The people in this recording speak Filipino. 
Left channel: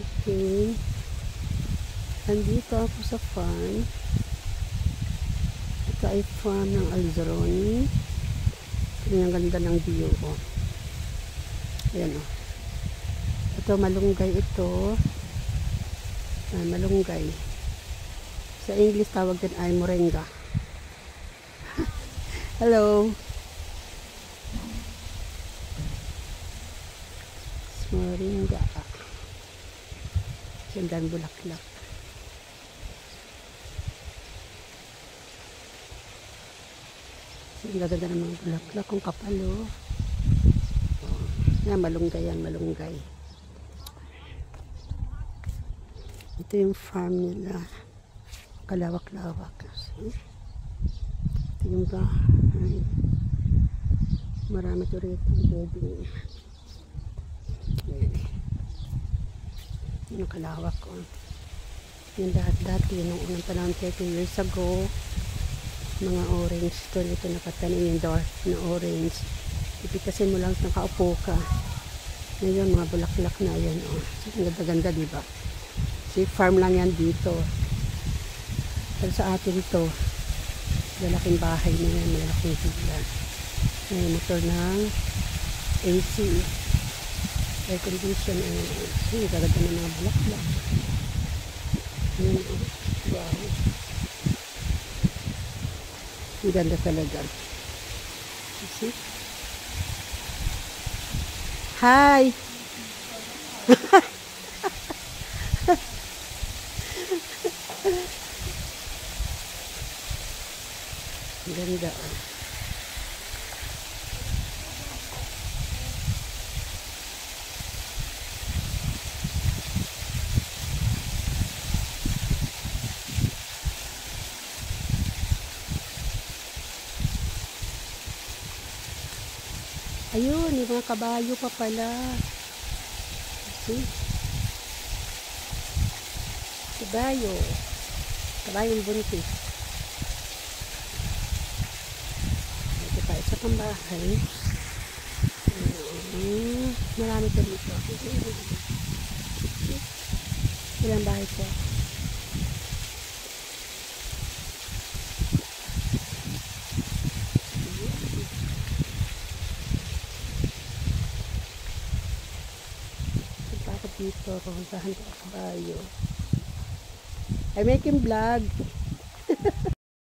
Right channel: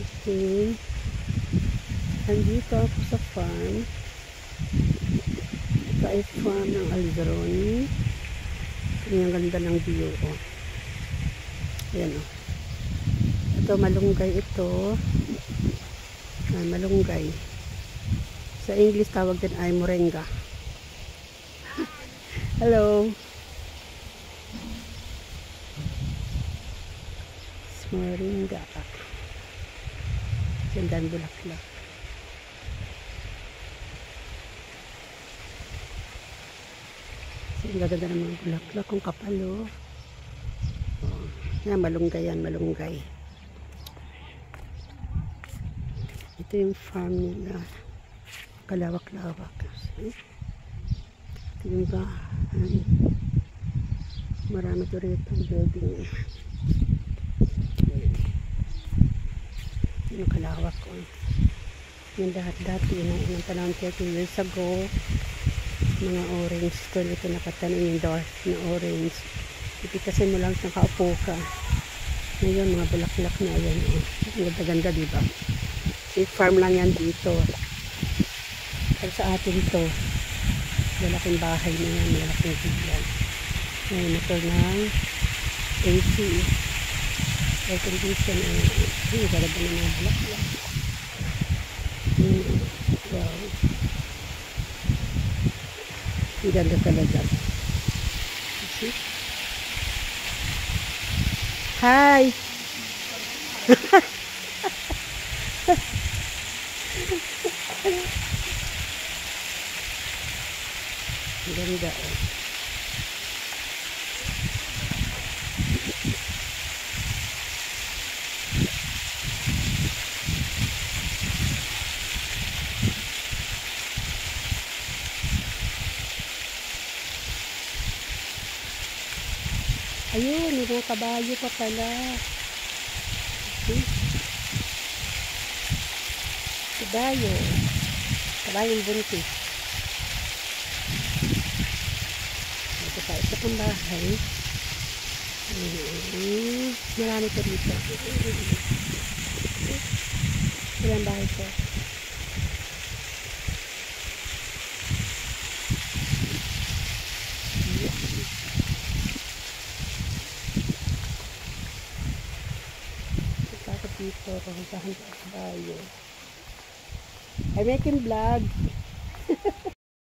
Okay. Andito ako sa farm. Ito ay farm ng Alzaroni. Ang ganda ng view, oh. Ayan, oh. Ito, malunggay ito. Ay, malunggay. Sa English, tawag din ay moringa. Hello. Moringa. Gandang bulaklak. Ang ganda ng mga bulaklak. Kung kapalo. Oh. Yan, malunggay yan, malunggay. Ito yung farm nila. Kalawak-lawak. Ito yung bahay. Marami ito rito ang building. Yung kalawak ko. Yung dati, nung unang panahon 30 years ago, mga orange ito nakatanim yung dark na orange. Ipitasin mo lang sa kaupo ka. Ngayon, mga bulaklak na yan. Oh. Ang ganda-ganda, diba? Si farm lang yan dito. Pero sa atin ito, malaking bahay na yan, malaking villa. May motor ng AC. Air condition. Ang ganda ng mga bulaklak. Wow. Ang ganda talaga. See? Hi! Ang ganda, oh. Ayun, may mga kabayo pa pala. See? Kabayo. Kabayong buntis. Ito pa, isa pang bahay. Marami ito dito. Ilang bahay ito? Bakit dito? Pupuntahan ko ang kabayo. I'm making vlog.